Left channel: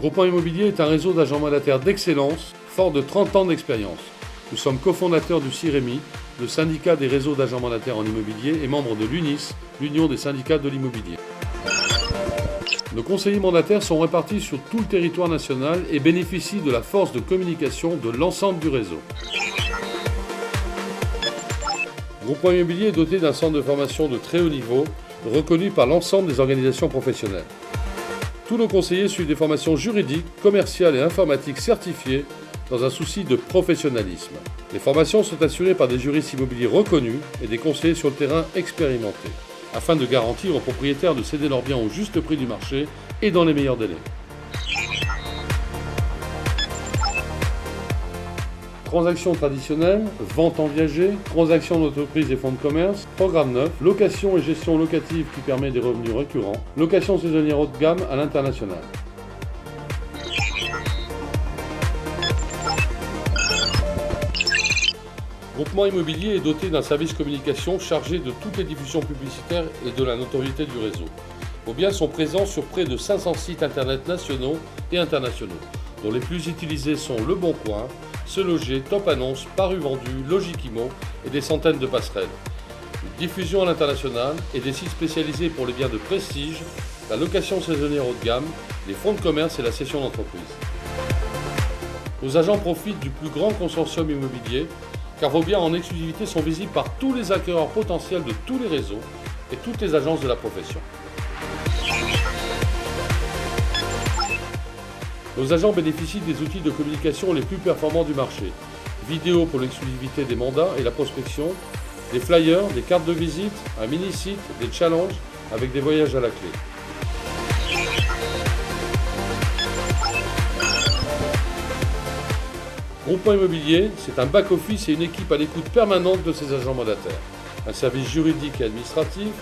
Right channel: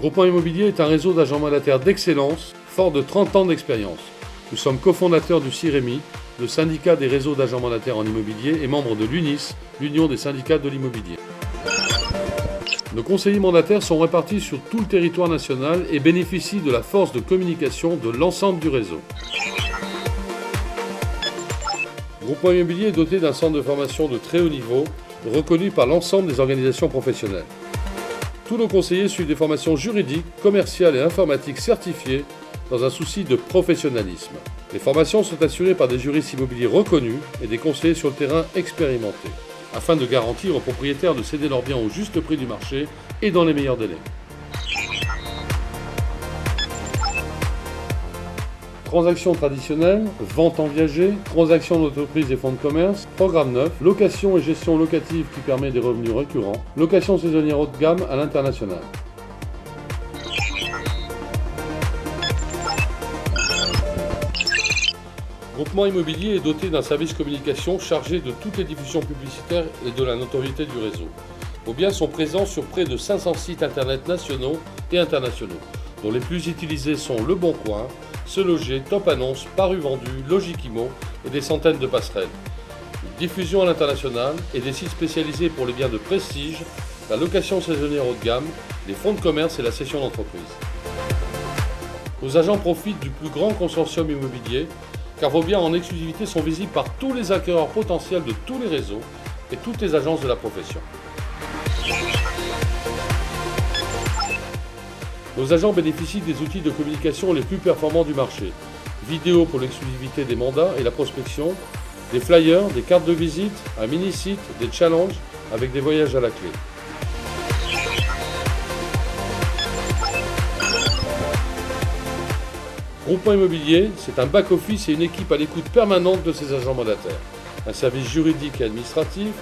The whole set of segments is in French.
Groupement Immobilier est un réseau d'agents mandataires d'excellence, fort de 30 ans d'expérience. Nous sommes cofondateurs du CIREMI, le syndicat des réseaux d'agents mandataires en immobilier, et membres de l'UNIS, l'Union des syndicats de l'immobilier. Nos conseillers mandataires sont répartis sur tout le territoire national et bénéficient de la force de communication de l'ensemble du réseau. Groupement Immobilier est doté d'un centre de formation de très haut niveau, reconnu par l'ensemble des organisations professionnelles. Tous nos conseillers suivent des formations juridiques, commerciales et informatiques certifiées dans un souci de professionnalisme. Les formations sont assurées par des juristes immobiliers reconnus et des conseillers sur le terrain expérimentés, afin de garantir aux propriétaires de céder leurs biens au juste prix du marché et dans les meilleurs délais. Transactions traditionnelles, vente en viager, transactions d'entreprise et fonds de commerce, programme neuf, location et gestion locative qui permet des revenus récurrents, location saisonnière haut de gamme à l'international. Groupement Immobilier est doté d'un service communication chargé de toutes les diffusions publicitaires et de la notoriété du réseau. Vos biens sont présents sur près de 500 sites internet nationaux et internationaux, dont les plus utilisés sont Le Bon Coin, Se Loger, Top Annonce, Paru Vendu, Logiquimo et des centaines de passerelles. Une diffusion à l'international et des sites spécialisés pour les biens de prestige, la location saisonnière haut de gamme, les fonds de commerce et la cession d'entreprise. Nos agents profitent du plus grand consortium immobilier, car vos biens en exclusivité sont visibles par tous les acquéreurs potentiels de tous les réseaux et toutes les agences de la profession. Nos agents bénéficient des outils de communication les plus performants du marché. Vidéo pour l'exclusivité des mandats et la prospection, des flyers, des cartes de visite, un mini-site, des challenges avec des voyages à la clé. Groupement Immobilier, c'est un back-office et une équipe à l'écoute permanente de ses agents mandataires. Un service juridique et administratif,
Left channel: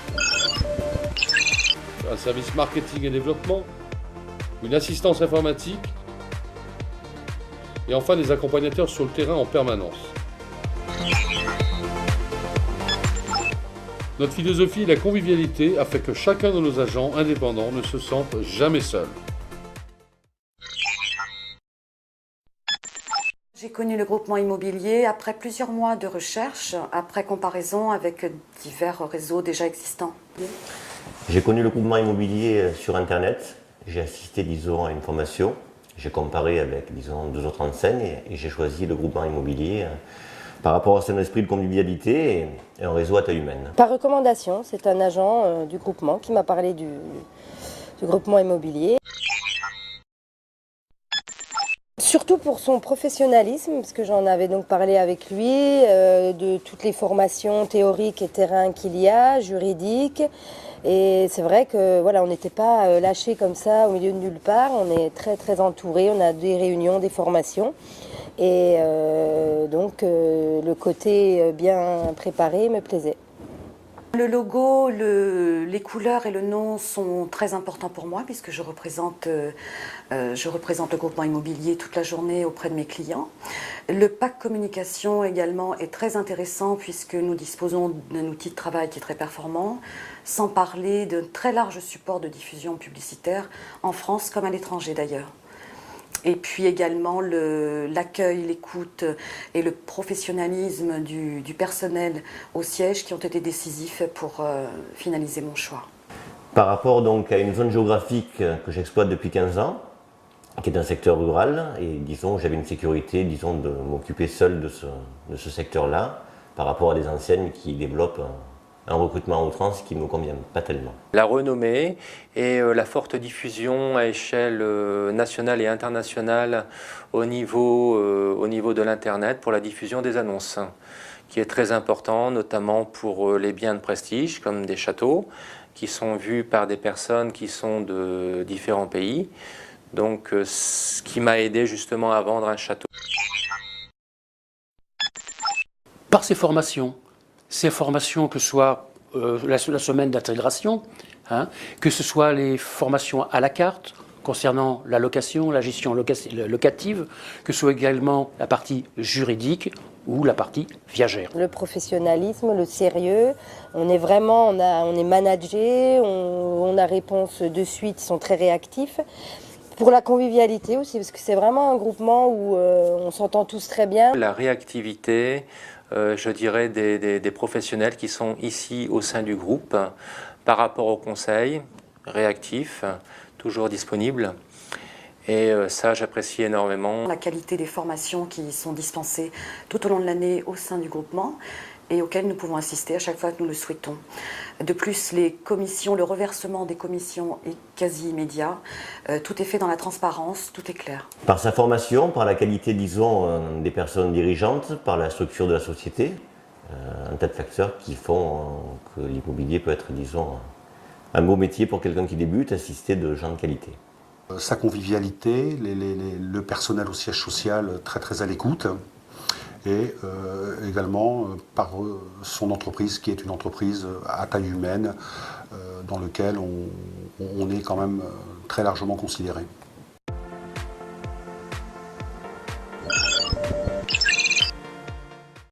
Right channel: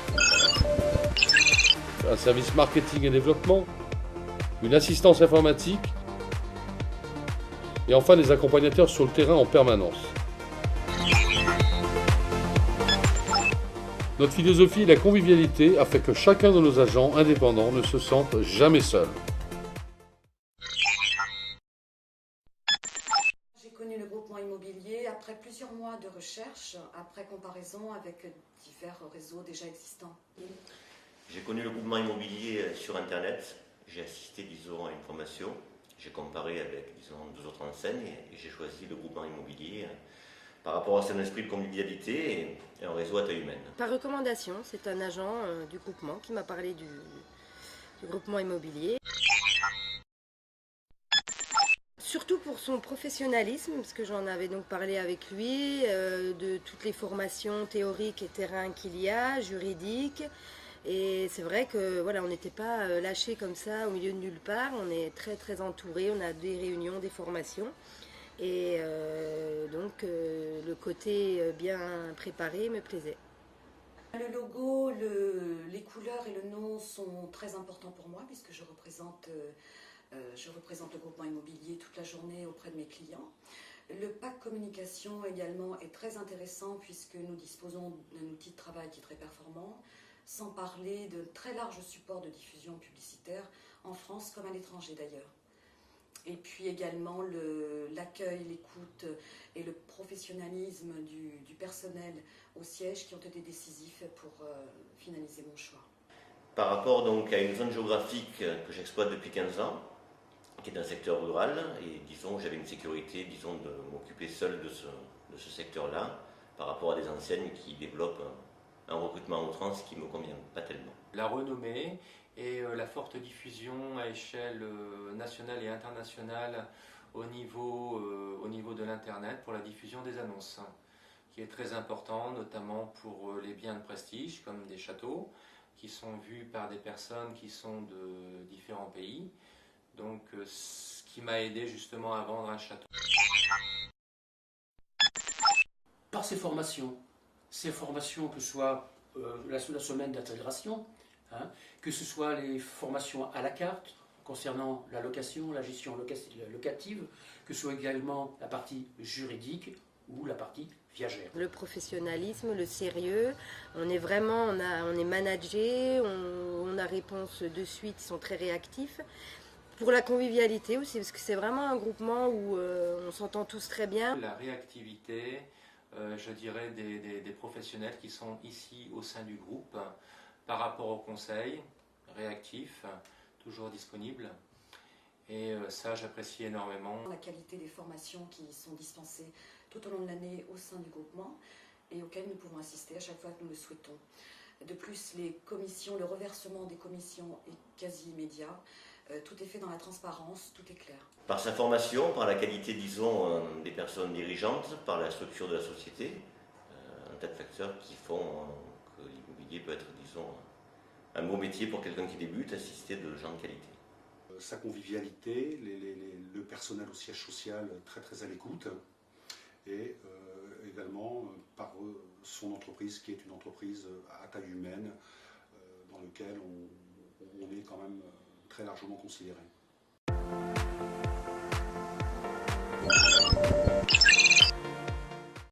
un service marketing et développement, une assistance informatique et enfin des accompagnateurs sur le terrain en permanence. Notre philosophie est la convivialité afin que chacun de nos agents indépendants ne se sente jamais seul. J'ai connu le groupement immobilier après plusieurs mois de recherche, après comparaison avec divers réseaux déjà existants. J'ai connu le groupement immobilier sur Internet. J'ai assisté, disons, à une formation. J'ai comparé avec, disons, 2 autres enseignes et j'ai choisi le groupement immobilier par rapport à son esprit de convivialité et un réseau à taille humaine. Par recommandation, c'est un agent du groupement qui m'a parlé du groupement immobilier. Surtout pour son professionnalisme, parce que j'en avais donc parlé avec lui, de toutes les formations théoriques et terrain qu'il y a, juridiques. Et c'est vrai que voilà, on n'était pas lâchés comme ça au milieu de nulle part, on est très très entourés, on a des réunions, des formations. Et donc le côté bien préparé me plaisait. Le logo, les couleurs et le nom sont très importants pour moi puisque je représente le groupement immobilier toute la journée auprès de mes clients. Le pack communication également est très intéressant puisque nous disposons d'un outil de travail qui est très performant, sans parler d'un très large support de diffusion publicitaire en France comme à l'étranger d'ailleurs. Et puis également l'accueil, l'écoute et le professionnalisme du personnel au siège qui ont été décisifs pour finaliser mon choix. Par rapport donc à une zone géographique que j'exploite depuis 15 ans, qui est un secteur rural, et disons j'avais une sécurité, disons, de m'occuper seul de ce secteur-là, par rapport à des enseignes qui développent un recrutement à outrance qui ne me convient pas tellement. La renommée et la forte diffusion à échelle nationale et internationale au niveau de l'Internet pour la diffusion des annonces, qui est très important, notamment pour les biens de prestige, comme des châteaux, qui sont vus par des personnes qui sont de différents pays. Donc, ce qui m'a aidé justement à vendre un château. Par ces formations que ce soit la semaine d'intégration, que ce soit les formations à la carte concernant la location, la gestion locative, que ce soit également la partie juridique ou la partie viagère. Le professionnalisme, le sérieux, on est managé, on a réponse de suite, ils sont très réactifs. Pour la convivialité aussi, parce que c'est vraiment un groupement où on s'entend tous très bien. La réactivité, je dirais, des professionnels qui sont ici au sein du groupe par rapport au conseil, réactif, toujours disponible. Et ça, j'apprécie énormément. La qualité des formations qui sont dispensées tout au long de l'année au sein du groupement et auxquelles nous pouvons assister à chaque fois que nous le souhaitons. De plus, les commissions, le reversement des commissions est quasi immédiat. Tout est fait dans la transparence, tout est clair. Par sa formation, par la qualité, disons, des personnes dirigeantes, par la structure de la société, un tas de facteurs qui font que l'immobilier peut être, disons, un beau métier pour quelqu'un qui débute, assisté de gens de qualité. Sa convivialité, le personnel au siège social très très à l'écoute, et également par son entreprise qui est une entreprise à taille humaine dans laquelle on est quand même très largement considéré.